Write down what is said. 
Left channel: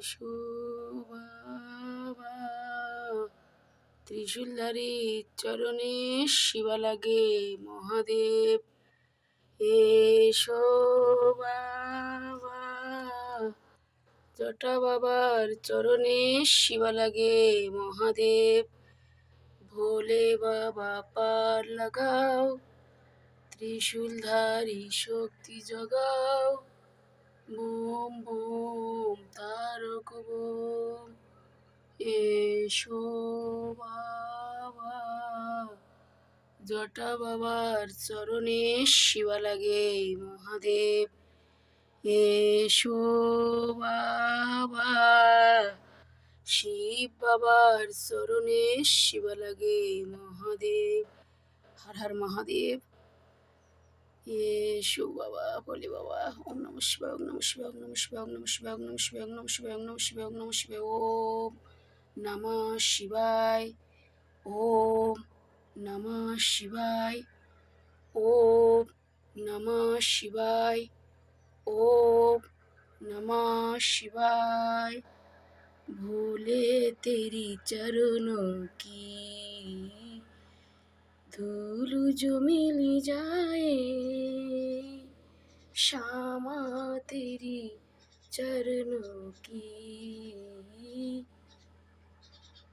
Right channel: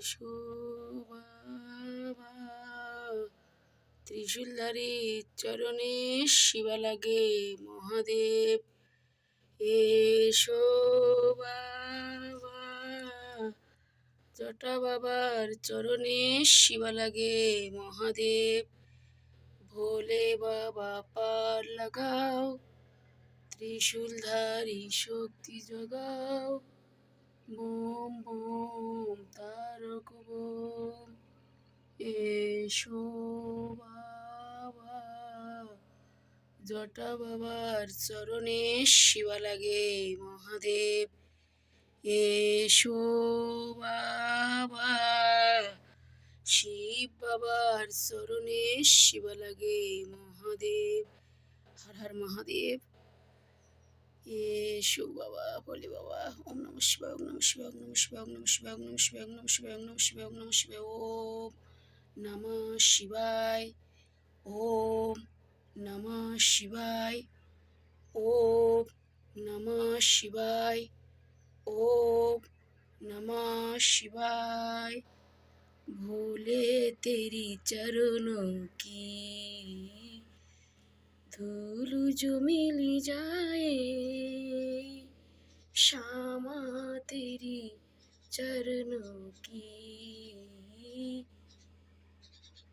এসো বাবা, ত্রিশূলধারী চরণে শিবা লাগে মহাদেব। এসো বাবা, জটা বাবার চরণে শিবা লাগে মহাদেব। ভোলে বাবা পার লাগাও, ত্রিশূলধারী শক্তি জগাও। বোম বোম তারক বোম, এসো বাবা, জটা বাবার চরণে শিবা লাগে মহাদেব। এসো বাবা, শিব বাবার চরণে শিবা লাগে মহাদেব। হর হর মহাদেব। এসো বাবা, বলে বাবা, ওম নম শিবায়, ওম নম শিবায়, ওম নম শিবায়, ওম নম শিবায়, ওম নম শিবায়, ওম নম শিবায়, ওম নম শিবায়, ওম নম শিবায়, ওম নমঃ শিবায়, ওম নমঃ শিবায়, ওম নমঃ শিবায়, ओम नमः शिवाय। भोले तेरी चरणों की धूल जो मिल जाए, श्यामा तेरी चरणों की